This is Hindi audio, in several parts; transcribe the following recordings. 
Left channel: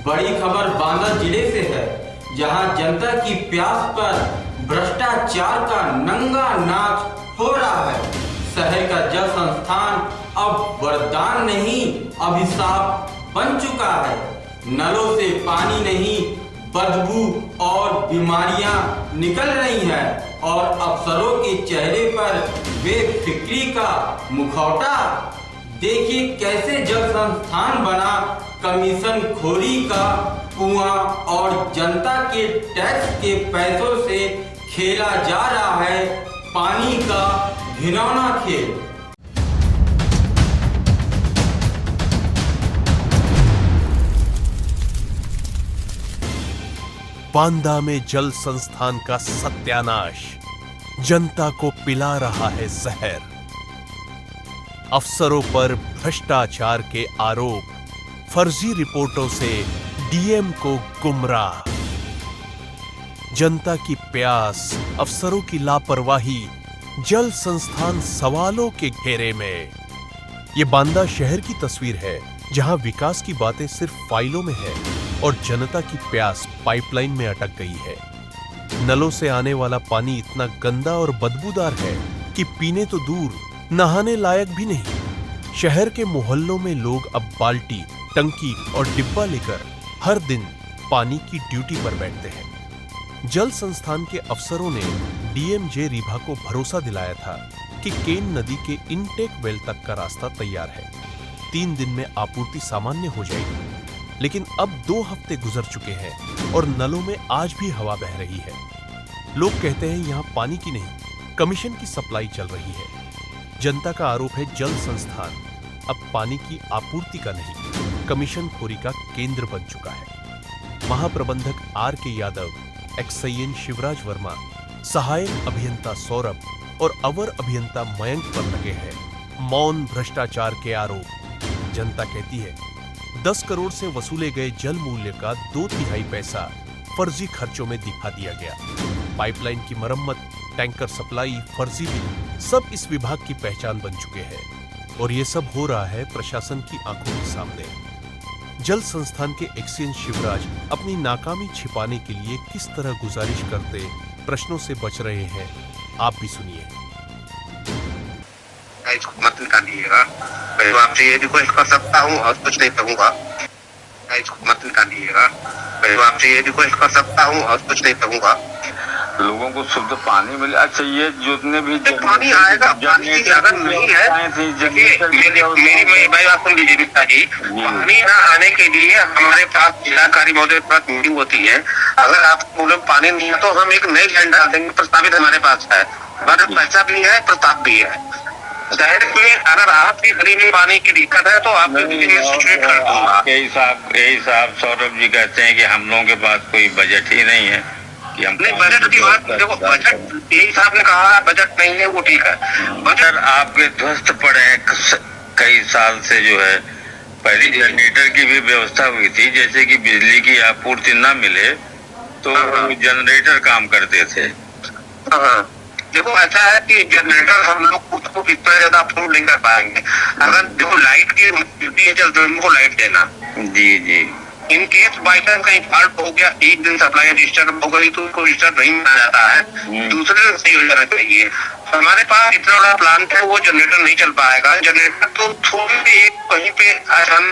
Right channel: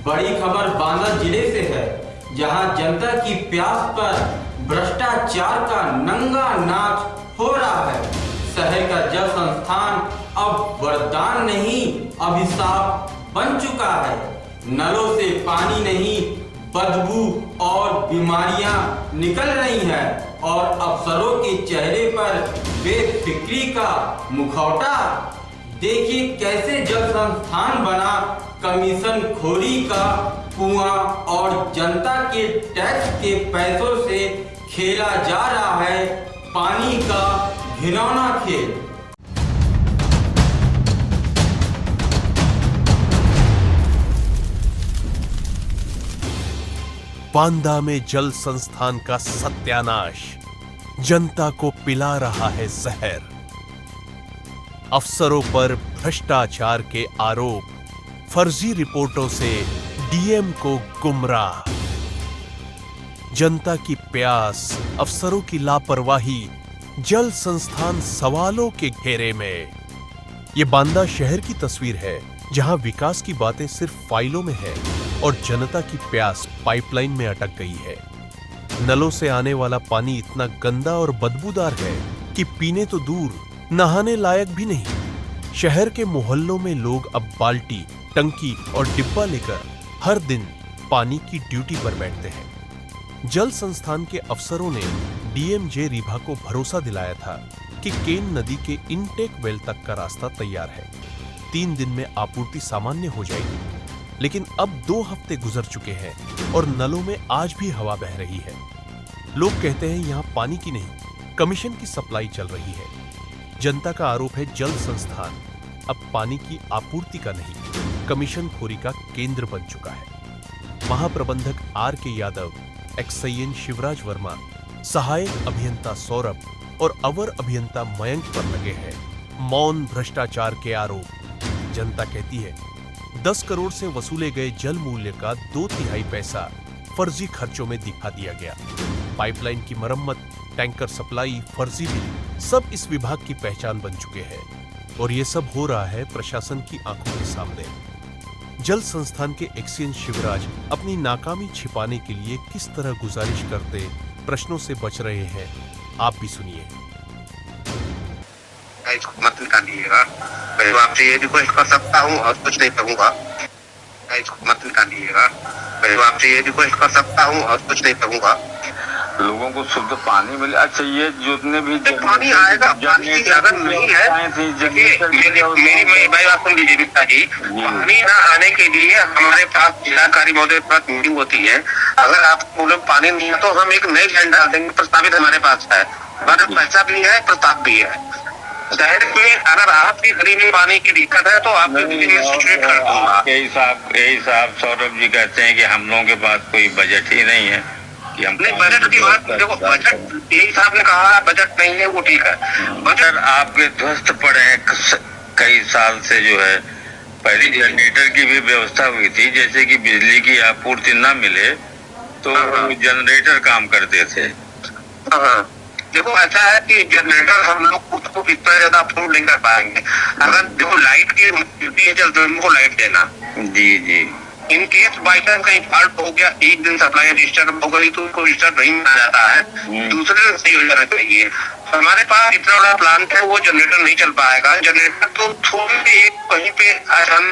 बड़ी खबर बांदा जिले से है, जहां जनता की प्यास पर भ्रष्टाचार का नंगा नाच हो रहा है। शहर का जल संस्थान अब वरदान नहीं, अभिशाप बन चुका है। नलों से पानी नहीं, बदबू और बीमारियां निकल रही हैं और अफसरों के चेहरे पर बेफिक्री का मुखौटा। देखिए कैसे जल संस्थान बना कमीशन खोरी का कुआं और जनता के टैक्स के पैसों से खेला जा रहा है पानी का घिनौना खेल। बांदा में जल संस्थान का सत्यानाश, जनता को पिला रहा है जहर। अफसरों पर भ्रष्टाचार के आरोप, फर्जी रिपोर्टों से डीएम को गुमराह। जनता की प्यास, अफसरों की लापरवाही, जल संस्थान सवालों के घेरे में। यह बांदा शहर की तस्वीर है, जहां विकास की बातें सिर्फ फाइलों में है और जनता की प्यास पाइपलाइन में अटक गई है। नलों से आने वाला पानी इतना गंदा और बदबूदार है कि पीने तो दूर, नहाने लायक भी नहीं। शहर के मोहल्लों में लोग अब बाल्टी, टंकी और डिब्बा लेकर हर दिन पानी की ड्यूटी पर बैठते हैं। जल संस्थान के अफसरों ने डीएमजे रीभा को भरोसा दिलाया था कि केन नदी के इनटेक वेल तक का रास्ता तैयार है, 3 दिन में आपूर्ति सामान्य हो जाएगी। लेकिन अब 2 हफ्ते गुजर चुके हैं और नलों में आज भी हवा बह रही है। लोग कहते हैं यहां पानी की नहीं, कमीशन की सप्लाई चल रही है। जनता का आरोप है जल संस्थान अब पानी की आपूर्ति का नहीं, कमीशन खोरी का केंद्र बन चुका है। महाप्रबंधक आर के यादव, एक्सआईएन शिवराज वर्मा, सहायक अभियंता सौरभ और अवर अभियंता मयंक पर लगे हैं मौन भ्रष्टाचार के आरोप। जनता कहती है 10 करोड़ से वसूले गए जल मूल्य का 2/3 पैसा फर्जी खर्चों में दिखा दिया गया। पाइपलाइन की मरम्मत, टैंकर सप्लाई, फर्जी बिल, सब इस विभाग की पहचान बन चुके हैं और ये सब हो रहा है प्रशासन की आंखों के सामने। जल संस्थान के एक्सचेंज शिवराज अपनी नाकामी छिपाने के लिए किस तरह गुजारिश करते प्रश्नों से बच रहे हैं, आप भी सुनिए। इसको मत निकालिएगा, मैं तो आपसे ये रिक्वेस्ट कर सकता हूँ और कुछ नहीं करूँगा। इसको मत निकालिएगा, मैं तो आपसे ये रिक्वेस्ट कर सकता हूँ और कुछ नहीं करूँगा। लोगों को शुद्ध पानी मिले। अच्छा, ये जितने भी पानी आएगा, पानी की अगर नहीं है, मेरी भाई बात सुन लीजिए मिश्रा जी, पानी ना आने के लिए हमारे पास जिलाधिकारी महोदय के पास मीटिंग होती है। अगर आपको पानी नहीं है तो हम एक नई लाइन डाल देंगे, प्रस्तावित हमारे पास है, पैसा भी है, प्रस्ताव भी है। शहर में अगर आपकी गली में पानी की दिक्कत है तो आप कर दूंगा। यही साहब सौरभ जी कहते हैं कि हम लोगों के पास कोई बजट ही नहीं है कि हम नहीं। बजट की बात देखो, बजट यही साहब ने कहा बजट नहीं है, वो ठीक है। बजट आपके ध्वस्त पड़े हैं कई साल से। जो है पहले जनरेटर की भी व्यवस्था हुई थी, जैसे कि बिजली की आपूर्ति न मिले तो जनरेटर काम करते थे। देखो ऐसा है कि जनरेटर हम लोग उसको इतना ज्यादा अप्रूव नहीं कर पाएंगे। अगर देखो लाइट की ड्यूटी है, चलते उनको लाइट देना। जी जी। इन केस बाई चांस कहीं फॉल्ट हो गया, एक दिन सप्लाई डिस्टर्ब हो गई तो उनको डिस्टर्ब नहीं मिल जाता है, दूसरे दिन सही हो जाना चाहिए। हमारे पास इतना बड़ा प्लांट है, वो जनरेटर नहीं चल पाएगा। जनरेटर तो थोड़ी कहीं पे आसान,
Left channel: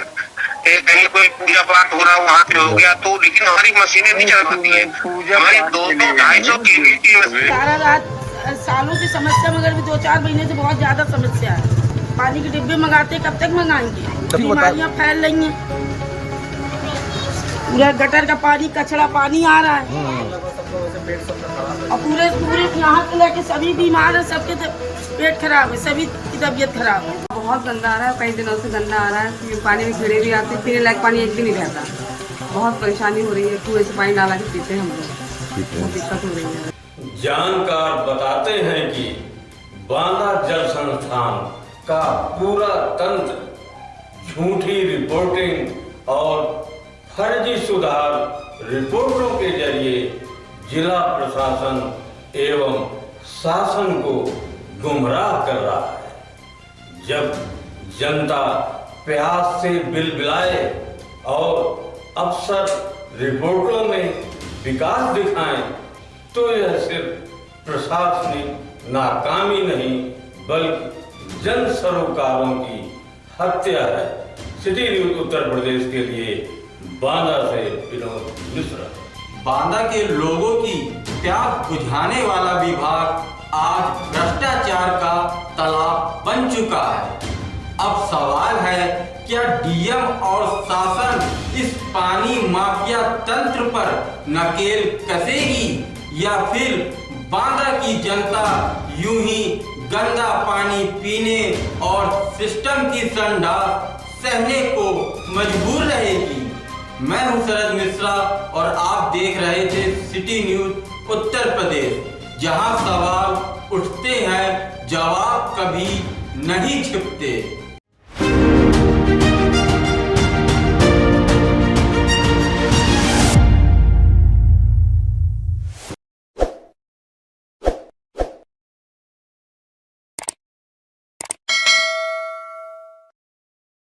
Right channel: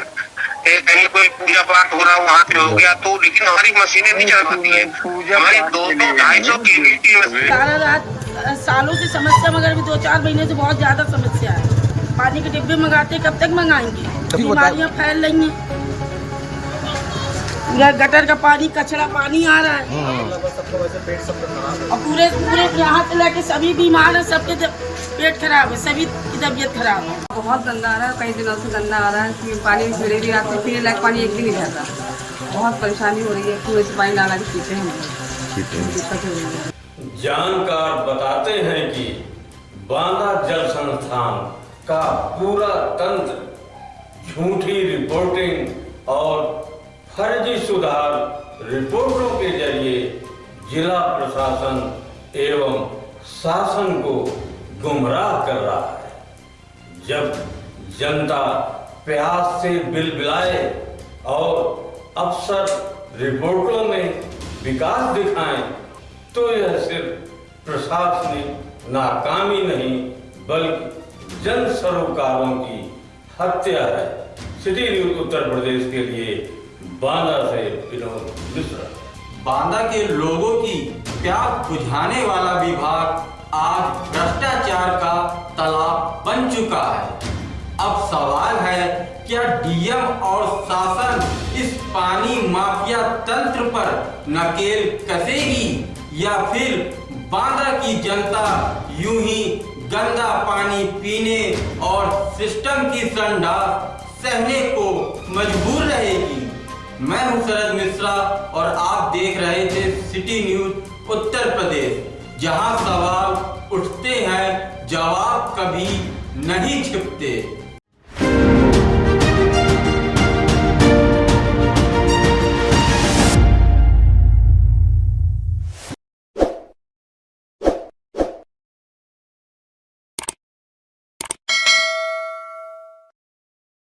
कहीं कोई पूजा पाठ हो रहा वहाँ पे हो गया तो, लेकिन हमारी मशीनें नहीं चल पाती है। हमारी 200-250 की सारा रात सालों की समस्या, मगर भी 2-4 महीने से बहुत ज्यादा समस्या है। पानी के डिब्बे मंगाते, कब तक मंगाएंगे? बीमारियां फैल रही हैं। गटर का पानी, कचरा पानी आ रहा है और पूरे यहाँ से लेके सभी बीमार है, सबके पेट खराब है, सभी की तबीयत खराब है। बहुत गंदा आ रहा है, कई दिनों से गंदा आ रहा है। पानी में कीड़े भी आते हैं, पीने लायक पानी एक भी नहीं रहता। बहुत परेशानी हो रही है, कुएं से पानी ला के पीते हैं हम लोग, दिक्कत हो रही है। जानकार बताते हैं कि बांदा जल संस्थान का पूरा तंत्र झूठी रिपोर्टिंग और फर्जी सुधार रिपोर्टों के जरिए जिला प्रशासन एवं शासन को गुमराह कर रहा है। जब जनता प्यास से बिलबिलाए और अफसर रिपोर्टों में विकास दिखाएं तो यह सिर्फ प्रशासनिक नाकामी नहीं बल्कि जन सरोकारों की हत्या है। सिटी न्यूज उत्तर प्रदेश के लिए बांदा से विनोद मिश्रा। बांदा के लोगों की प्यास बुझाने वाला विभाग आज भ्रष्टाचार का तालाब बन चुका है। अब सवाल है, क्या डीएम और शासन इस पानी माफिया तंत्र पर नकेल कसेगी या फिर बांदा की जनता यूं ही गंदा पानी पीने और सिस्टम की संडास सहने को मजबूर रहेगी? मैं हूं शरद मिश्रा और आप देख रहे थे सिटी न्यूज उत्तर प्रदेश, जहां सवाल उठते हैं, जवाब कभी नहीं छिपते।